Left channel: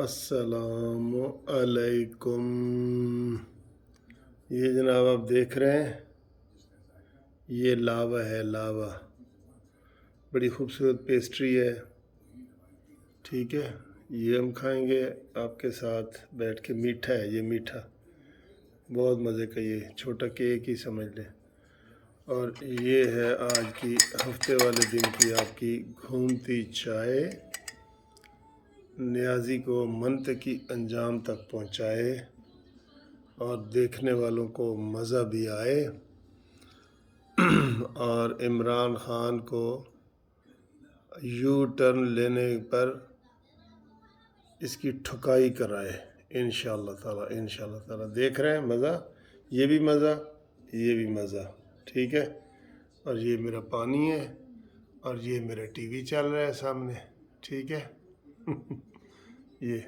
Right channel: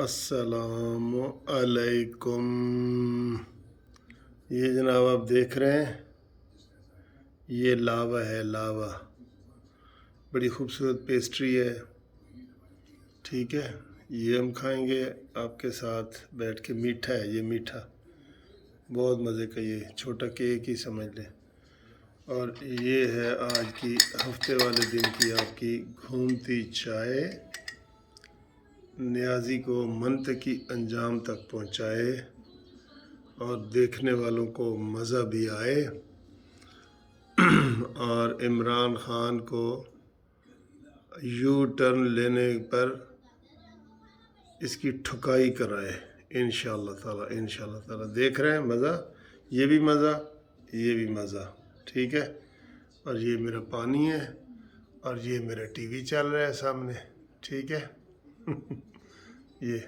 अस्सलाम अलैकुम। ये जनाब आप देख रहे हैं, ये लावा है, लावा। बड़ी खूबसूरत पेस्ट्री है, ठीक है। ये हम खाएंगे आपके साथ बैठ के। मीठा है ये, मीठा, बहुत मज़े का। ये छोटा केक ही समझ लें। और ये है आज की हफ्ते वाले दिन की आपकी घूमती चाय। नियाज़ी को मंतकी अंजाम तक पहुँचाए और देखने वालों को मज़ा भी आए और इमरान ख़ान को यू टर्न लेने पर इसकी ठुकाई कराए इंशाअल्लाह ताला। देख रहे हैं मज़ा, ये भी मज़ा, ये भी मज़ा, ठीक है। और ये मेरा पानी है और ये मेरा टीवी चल रहा है सामने, ठीक है। ये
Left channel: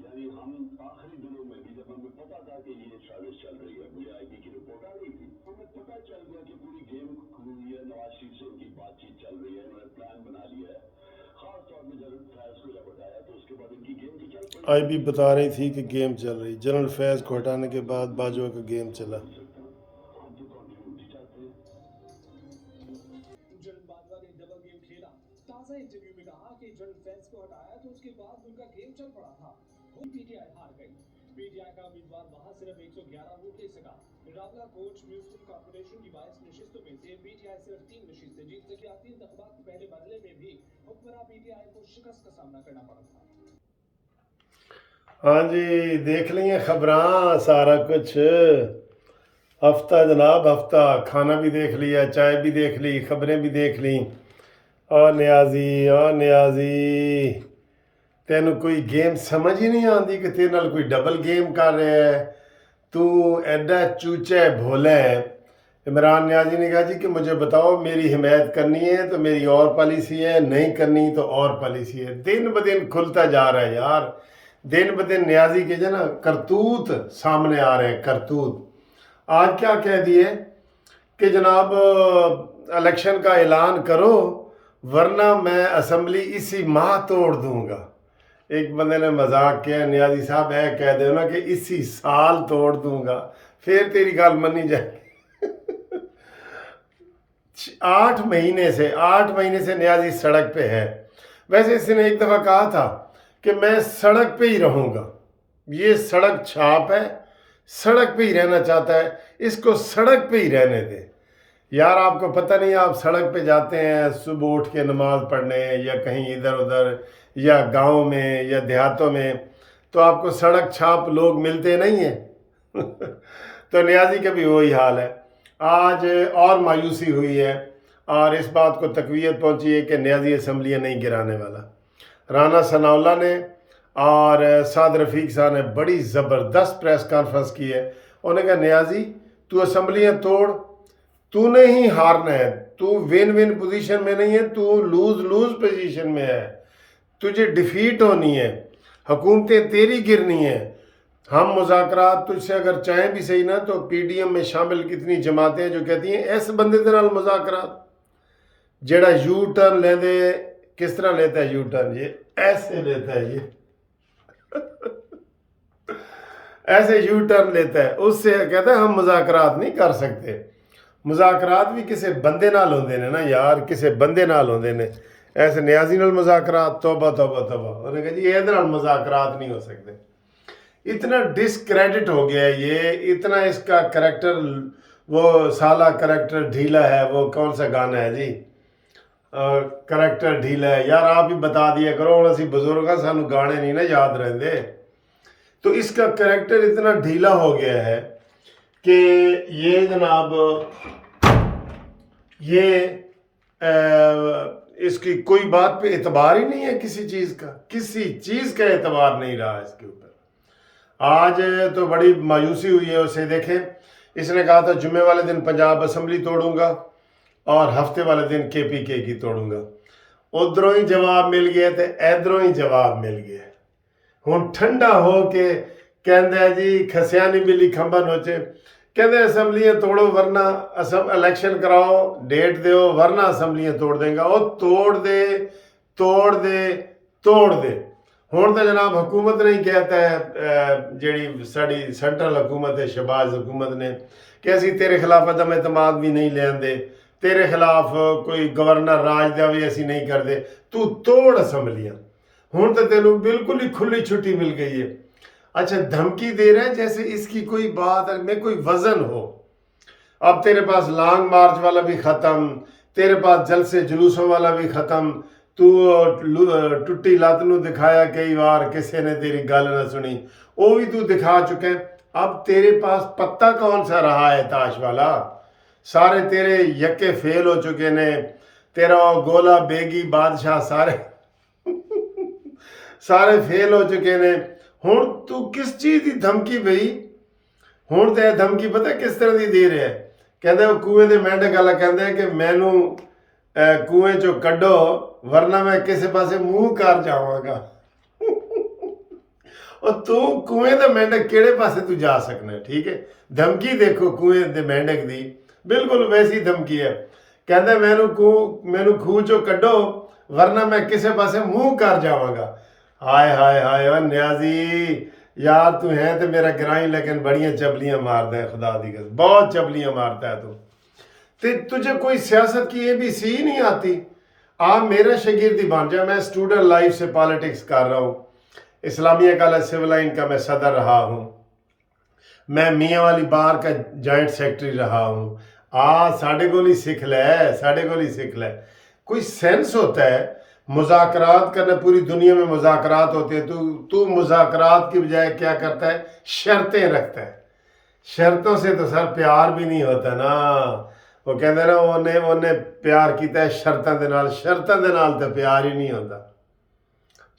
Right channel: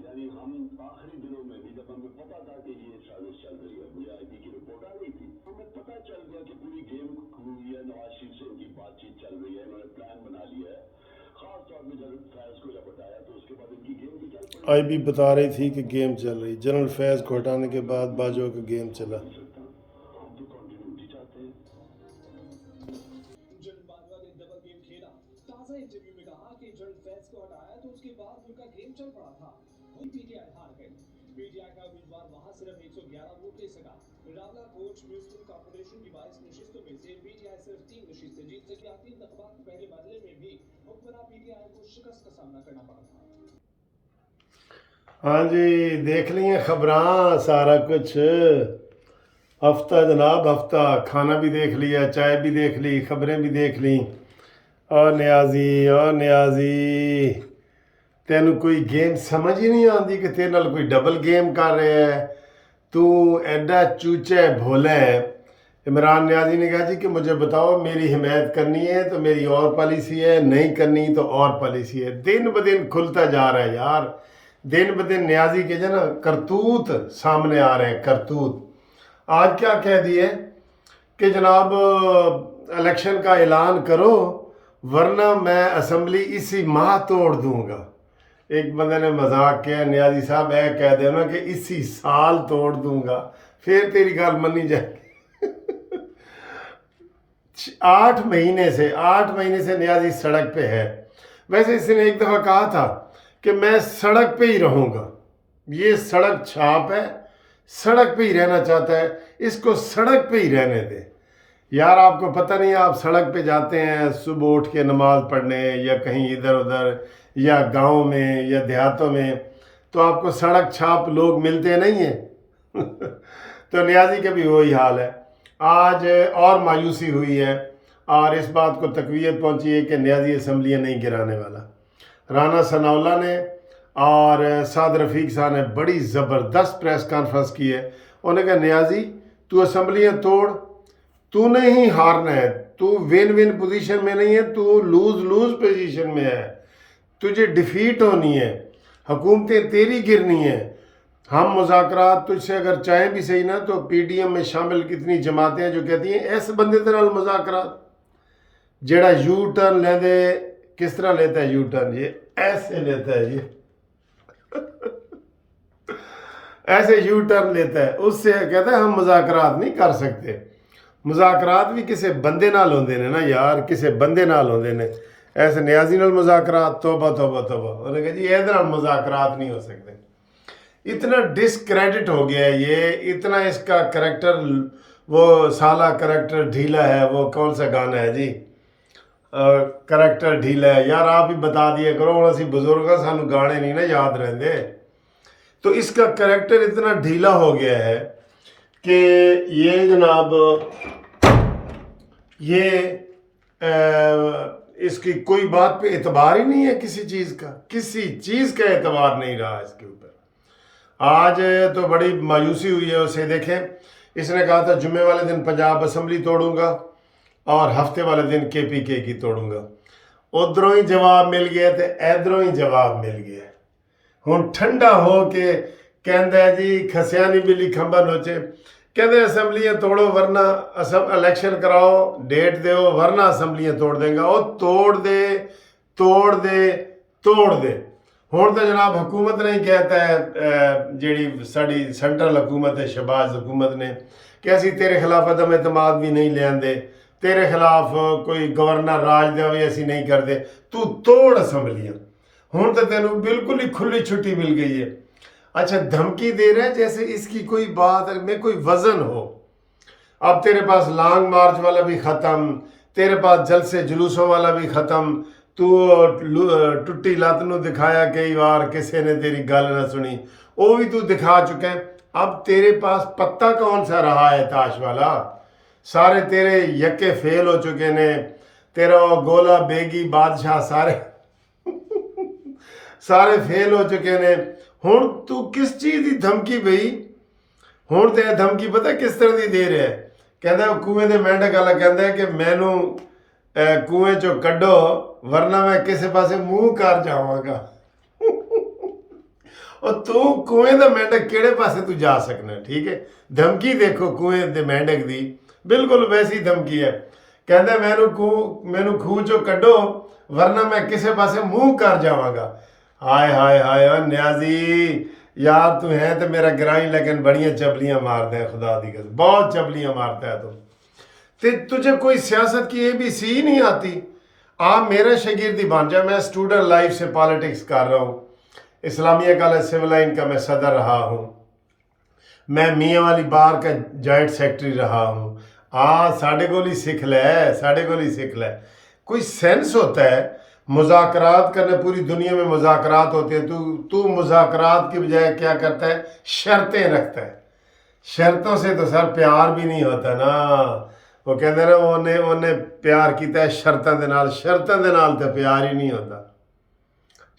यानी हम आखिरी दिनों में भी जब हमें पता था कि ये साजिश चल रही है, वीआईपी की रिपोर्ट आ रही थी, हमें पता चल गया कि पूरी गेम हुई है। नवाज शरीफ से इनकी बातचीत चल रही है, इन्होंने प्लान बना लिया है। खास तौर पर जनरल फैज को जब हटाया तो उसके बाद इनकी गेम भी चल पड़ी। आई भी बता रही थी कि गेम चल रही। जनरल फैज़ को हटाने के बाद बाजवा का गेम चला। हम तो कंटिन्यूटी चाहते हैं। जनरल बाजवा ने डबल गेम खेला। ताज़ा इंटरव्यू में कहा कि जनरल फैज को हटाया तो उसके बाद उनका गेम चल पड़ा था। पीटीआई हार गई। पीटीआई का उम्मीदवार वहां सिर्फ 111 वोट ले सका। रावला कोच म्यूनिसिपल कॉर्पोरेशन की 22 नशिस्तों में से पीटीआई सिर्फ 3 नशिस्तें जीत सकी। आती इंतखाबात के पहले बदले में भी हुक्मरान पीटीआई को शिकस्त का सामना करना पड़ा था। हाँ जी, देख लिए खबरां, सारा कुछ। हफ्ता जनाब, हफ्ता। खाना भी देख लिया, चाय भी देख ली, खबरें भी देख ली। और नियाजी तेनू कोई गेम समझ ही नहीं आती कि तेरे नाल कोई डबल गेम कर रहा है। तू एडा चूचा भोला है। इमरान नियाजी ने कहा जी कि मुझे बताओ, मेरी हिमायत करनी है तो मेरी और पॉलिसी है, नहीं करनी तो और पॉलिसी है। दिन ब दिन खुलता जा रहा है यार। दिन ब दिन नियाजी के जो ना करतूत सामने आ रहे हैं, करतूत। आज क्या कह दिए कि जनाब इलेक्शन का ऐलान करो वरना मैं असम्बली इसी माह तोड़ दूंगा। एक बंदे ने मजाक किया, नियाजी साहब ऐ कह दो ना कि इसी साल तोड़ दूंगा, फिर तेरी गल मनी जाएगी। 8 महीने से नियाजी सड़क पे है। वैसे इसने एक दफ़ा कहा था कि मैं सड़क पे ही रहूँगा। ये सड़क छाप है, सड़क पे ही रहना चाहता है, इसको सड़क पे ही रहने दे। यार आपको पता नहीं, आप सड़क पे जाते हैं सुबह उठ के नमाज़ पढ़ने या कहीं इधर उधर या गांव में या देहातों में, तो आपको सड़क छाप लोग मिलते नहीं हैं। तो नियाजी का भी वही हाल है। आज और मायूसी हुई है और इस बात को तकवीत पहुंची है कि नियाजी असम्बलियाँ नहीं गिराने वाला। राना सनाउल्लाह ने और साद रफ़ीक साहब ने बड़ी ज़बरदस्त प्रेस कॉन्फ्रेंस की है। उन्होंने कहा नियाजी तू असम्बलियाँ तोड़, तूने ही हारना है। तू विन विन पोजीशन में नहीं है, तू लूज़ पोजीशन में है। तुझे डिफीट होनी है, हुकूमतें तेरी गिरनी है। हम मुज़ाकरात तुझसे अगर चाहें भी सही ना, तो पीडीएम में शामिल कितनी जमातें हैं जो कहती हैं ऐसे बंदे के नाल मुज़ाकरात। जेड़ा यू टर्न लेंदे, किस तरह लेता है यू टर्न? ये ऐसे लेता है, ये ऐसे यू टर्न लेता है। उससे कहता है हम मुज़ाकरात नहीं कर सकते। मुज़ाकरात भी किसी बंदे नाल होंदे ने ना यार, किसी बंदे नाल होंदे ने। ऐसे नियाजी नाल मुज़ाकरात, तौबा। उन्होंने कहा जी ये नाल मुज़ाकरात नहीं हो सकते। इतना डिसक्रेडिट हो गया है ये, इतना इसका करैक्टर, वो साला करैक्टर ढीला है। वो कौन सा गाना है जी, करैक्टर ढीला है। यार आप ही बता दिया करो, हम असी बुजुर्ग हाँ, सानू गाने नहीं ना याद रहते। तो इसका करैक्टर इतना ढीला हो गया है कि ये जनाब ये इसकी कोई बात पे एतबार ही नहीं है। किसी चीज़ का एतबार नहीं रहा इसके ऊपर। आज तो बड़ी मायूसी हुई है उसे। देखें, इसने कहा था जुम्मे वाले दिन पंजाब असम्बली तोड़ूंगा और हफ्ते वाले दिन KPK की तोड़ूंगा। उधरों ही जवाब मिल गया तो इधरों ही जवाब मिल गया। हुण ठंडा हो के कहंदा है जी खसियानी बिल्ली खंबा नोचे। कहते असम्बलियाँ तोड़ो वरना इलेक्शन कराओ, डेट दो वरना असम्बलियाँ तोड़ देंगे। ਉਹ ਤੋੜ ਦੇ ਹੁਣ ਤਾਂ ਜਨਾਬ ਹਕੂਮਤ ਨੇ ਹੀ ਕਹਿਤਾ ਹੈ, ਜਿਹੜੀ ਸਾਡੀ ਸੈਂਟਰਲ ਹਕੂਮਤ ਹੈ, ਸ਼ਹਬਾਜ਼ ਹਕੂਮਤ ਨੇ, ਕਿ ਅਸੀਂ ਤੇਰੇ ਖਿਲਾਫ ਅਦਮ ਇਤਮਾਦ ਵੀ ਨਹੀਂ ਲਿਆਂਦੇ, ਤੇਰੇ ਖਿਲਾਫ ਕੋਈ ਗਵਰਨਰ ਰਾਜ ਦਾ ਵੀ ਅਸੀਂ ਨਹੀਂ ਕਰਦੇ, ਤੂੰ ਤੋੜ असम्बलियाँ। ਹੁਣ ਤਾਂ ਤੈਨੂੰ ਬਿਲकुल ही खुली छुट्टी मिल गई है। अच्छा, धमकी दे रहे हैं जैसे इसकी कोई बात में कोई वजन हो। अब तेरे पास लॉन्ग मार्च वाला भी ख़त्म, तेरे पास जलसे जुलूसों वाला भी ख़त्म, तू टुट्टी लत नूं दिखाया कई बार, किसी ने तेरी गल ना सुनी, वो भी तू दिखा चुका है। अब तेरे पास पत्ता कौन सा रहा है ताश वाला? सारे तेरे यक्के फेल हो चुके ने, तेरा गोला बेगी बादशाह सारे फेल हो चुके ने। ਹੁਣ ਤੂੰ ਕਿਸ ਚੀਜ਼ ਦੀ ਧਮਕੀ ਬਈ? ਹੁਣ ਤੇ ਇਹ ਧਮਕੀ ਪਤਾ ਕਿਸ ਤਰ੍ਹਾਂ ਦੀ ਦੇ ਰਿਹਾ ਹੈ? ਕਹਿੰਦਾ ਉਹ ਕੂਏ ਦੇ ਮੈਂਢਕ ਵਾਲਾ ਕਹਿੰਦਾ ਕਿ ਮੈਨੂੰ ਕੂਏ ਚੋਂ ਕੱਢੋ ਵਰਨਾ ਮੈਂ ਕਿਸੇ ਪਾਸੇ ਮੂੰਹ ਕਰ ਜਾਵਾਂਗਾ। ਉਹ ਤੂੰ ਕੂਏ ਦਾ ਮੈਂਢਕ ਕਿਹੜੇ ਪਾਸੇ ਤੂੰ ਜਾ ਸਕਣਾ? ਠੀਕ ਹੈ, ਧਮਕੀ ਦੇਖੋ ਕੂਏ ਦੇ ਮੈਂਢਕ ਦੀ, ਬਿਲਕੁਲ ਵੈਸੀ ਧਮਕੀ ਹੈ। ਕਹਿੰਦਾ ਮੈਨੂੰ ਖੂਹ ਚੋਂ ਕੱਢੋ ਵਰਨਾ ਮੈਂ ਕਿਸੇ ਪਾਸੇ ਮੂੰਹ ਕਰ ਜਾਵਾਂਗਾ। हाय हाय हाय न्याजी यार, तू है तो मेरा गिराई, लेकिन बड़ियाँ चबलियाँ मारते हैं, खुदा दी कसम बहुत चबलियाँ मारता है तू। तुझे कोई सियासत की ABC नहीं आती? आप मेरा शागिर्द बन जा। मैं स्टूडेंट लाइफ से पॉलिटिक्स कर रहा हूँ, इस्लामिया कॉलेज सिविल लाइन का मैं सदर रहा हूँ, मैं मियाँ वाली बार का जॉइंट सेक्रेटरी रहा हूँ। साढ़े को ही सीख ले, कोई सेंस होता है मुज़ाकरात करने। पूरी दुनिया में मुज़ाकरात होते हैं, तू मुज़ाकरात की बजाय क्या करता है? शर्तें रखता है। शर्तों से तो सर प्यार भी नहीं होता ना। वो कहते ना उन्हें प्यार किया शर्तों के नाल तो प्यार ही नहीं होता।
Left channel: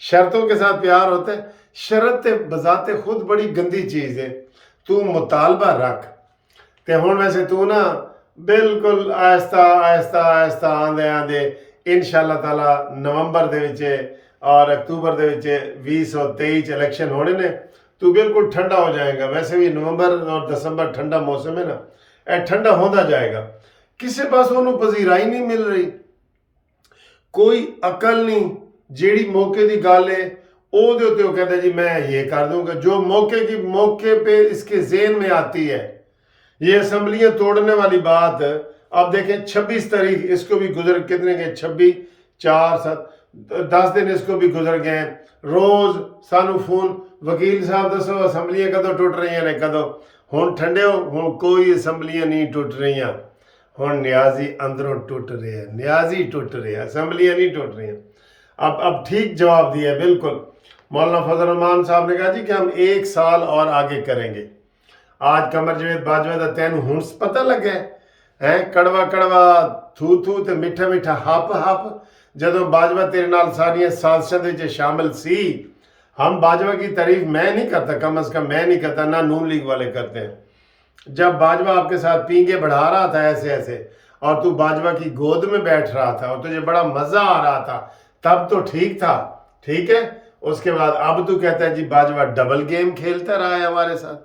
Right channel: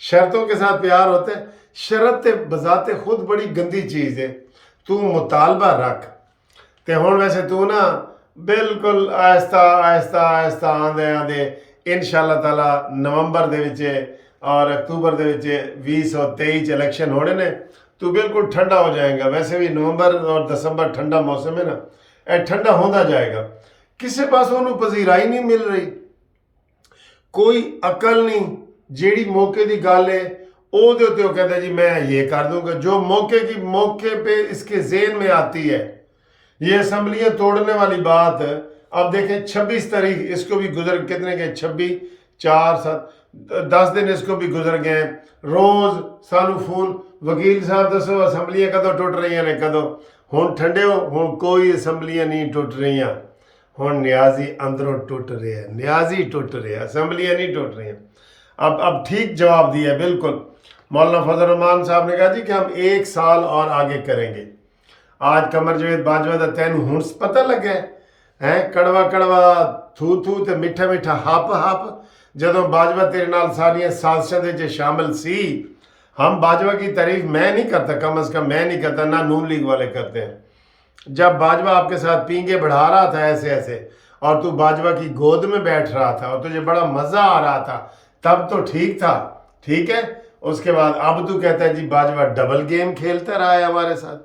शर्तों के साथ प्यार होता है। शरत बजाते खुद बड़ी गंदी चीज़ है। तू मुतालबा रख ते हुण वैसे तू ना बिल्कुल आहिस्ता आंदे इंशाअल्लाह ताला नवंबर दे विच और अक्तूबर दे विच 2023 इलेक्शन होने ने, तू बिल्कुल ठंडा हो जाएगा। वैसे भी नवंबर और दिसंबर ठंडा मौसम है ना, ਇਹ ठंडा होता जाएगा। किसी पास ਉਹਨੂੰ ਪਜ਼ੀਰਾਈ नहीं मिल रही, कोई अकल नहीं। ਜਿਹੜੀ मौके की गल है ਉਹਦੇ ਉੱਤੇ ਉਹ कहता जी मैं ये कर दूंगा, जो मौके पे इसके ज़हन में आती है। ये असम्बलियाँ तोड़ने वाली बात, अब देखें 26 तारीख इसको भी गुजर, कितने गए? 26, 4, 7, 10 दिन इसको भी गुजर गए। रोज़ सानू फोन, वकील साहब दसो असम्बलियाँ कदों टुट रही ने, कदों? हुण ठंडे हो, हुण कोई असम्बलियाँ नहीं टुट रही। हुण न्याजी अंदरों टुट रहे हैं, न्याजी टुट रहे हैं, असम्बलियाँ नहीं टुट रही। अब ठीक जवाब दिया बिल्कुल। मौलाना फजल रहमान साहब ने कहा जी कि हम 1 साल और आगे करेंगे। आज कमर जवेद बाजवा दा तैनू हुण पता लगे है? कड़वा थू ते मिठा हप। जदों बाजवा तेरे नाल सारियां साजिशां दे शामिल सी। हम बाजवा की तारीफ मैं नहीं करता, कम अज़ कम मैं नहीं करता, ना नून लीग वाले करते हैं। जब बाजवा आपके साथ पींगे बढ़ा रहा था ऐसे और तू बाजवा की गोद में बैठ रहा था और तुझे बड़ा मज़ा आ रहा था, तब तो ठीक था, ठीक है। उसके बाद अब तू कहता है जी बाजवा डबल गेम खेलता रहा है हमारे साथ।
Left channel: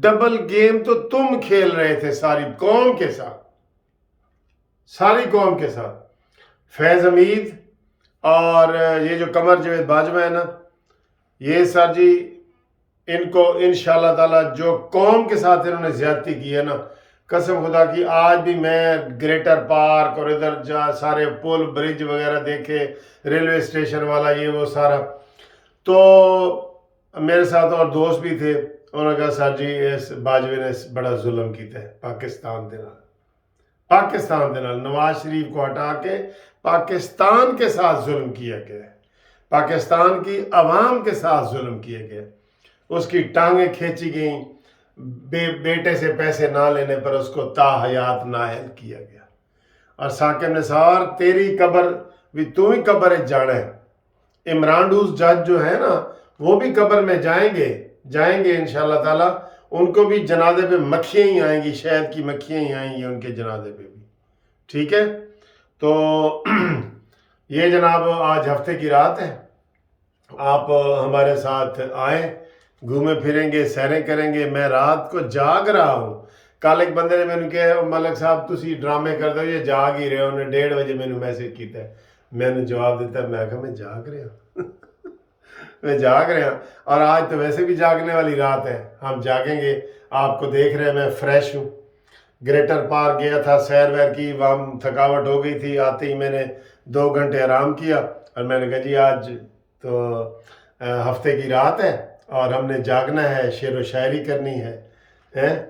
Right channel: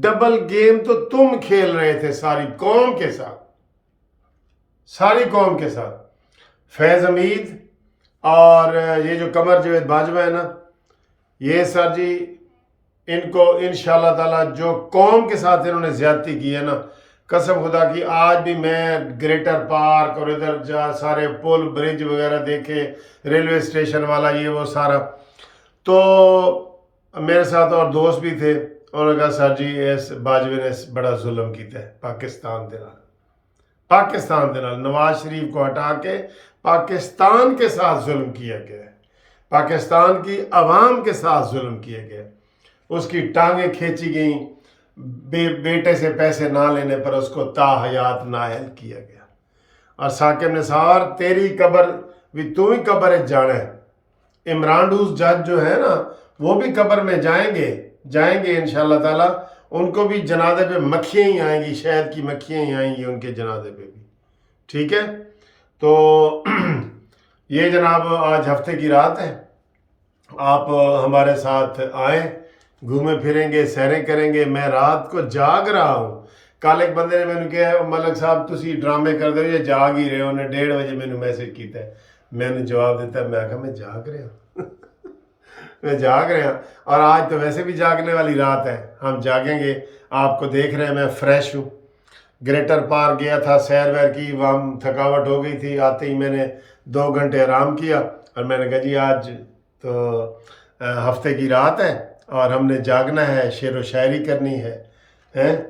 डबल गेम तो तुम खेल रहे थे सारी कौम के साथ। फैज़ हमीद और ये जो कमर जवेद बाजवा है ना, ये सर जी इनको इंशाअल्लाह ताला जो कौम के साथ इन्होंने ज़्यादती की है ना, कसम खुदा की, आज भी मैं ग्रेटर पार्क और इधर जा सारे पुल ब्रिज वगैरह देखे, रेलवे स्टेशन वाला ये वो सारा, तो मेरे साथ और दोस्त भी थे। उन्होंने कहा सर जी इस बाजवे ने बड़ा जुल्म किया है पाकिस्तान दे नाल। नवाज शरीफ को हटा के पाकिस्तान के साथ जुल्म किया गया है, पाकिस्तान की आवाम के साथ जुल्म किया गया। उसकी टांगें खींची गई, बेटे से पैसे ना लेने पर उसको ताहयात नाअहल किया गया। और साकिब निसार तेरी कब्र भी तू ही कब्र है जाना है। इमरान डूस जज जो है ना, वो भी कब्र में जाएंगे इंशाअल्लाह ताला। उनको भी जनाजे पे मक्खियाँ ही आएंगी, शहद की मक्खियाँ ही आएंगी उनके जनाजे पे भी, ठीक है। तो ये जनाब आज हफ्ते की रात है, आप हमारे साथ आएँ, घूमे फिरेंगे, सैरें करेंगे। मैं रात को जाग रहा हूँ। कल एक बंदे ने मैंने कहा मलक साहब तुसी ड्रामे कर दो ये जाग ही रहे हो। उन्हें 1:30 बजे मैंने मैसेज किया है। मैंने जवाब दिता मैं कहा मैं जाग रहा हूँ मैं जाग रहा हूँ। और आज तो वैसे भी जागने वाली रात है, हम जागेंगे। आपको देख रहे हैं मैं फ्रेश हूँ। ग्रेटर पार्क गया था, सैर वैर की, वहाँ थकावट हो गई थी। आते ही मैंने 2 घंटे आराम किया और मैंने कहा जी आज तो हफ्ते की रात है और हमने जागना है, शेर व शायरी करनी है। हैं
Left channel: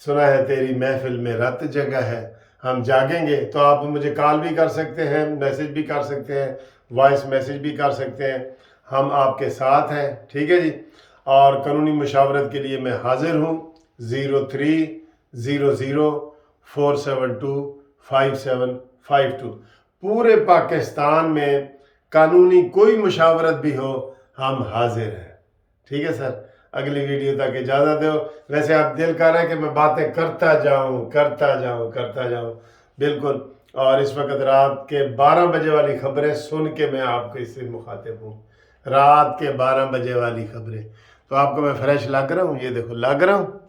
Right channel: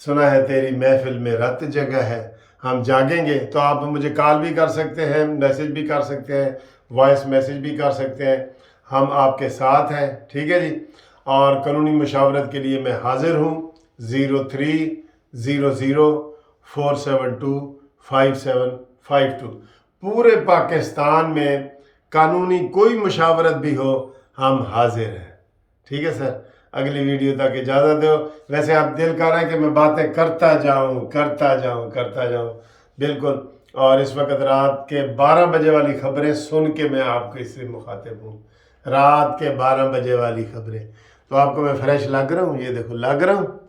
सुना है तेरी महफिल में रात जगह है। हम जागेंगे। तो आप मुझे कॉल भी कर सकते हैं, मैसेज भी कर सकते हैं, वॉइस मैसेज भी कर सकते हैं। हम आपके साथ हैं, ठीक है जी। और कानूनी मशावरत के लिए मैं हाजिर हूँ। 030047255752। पूरे पाकिस्तान में कानूनी कोई मशावरत भी हो हम हाजिर हैं, ठीक है सर। अगली वीडियो तक इजाज़त दो। वैसे आप दिल कर रहा है कि मैं बातें करता जाऊं बिल्कुल। और इस वक्त रात के 12 बजे वाली खबरें सुन के मैं आपको इससे मुखातिब हूँ। रात के 12 बजे वाली खबरें तो आपको मैं फ्रेश लग रहा हूँ, ये देखो लग रहा हूँ।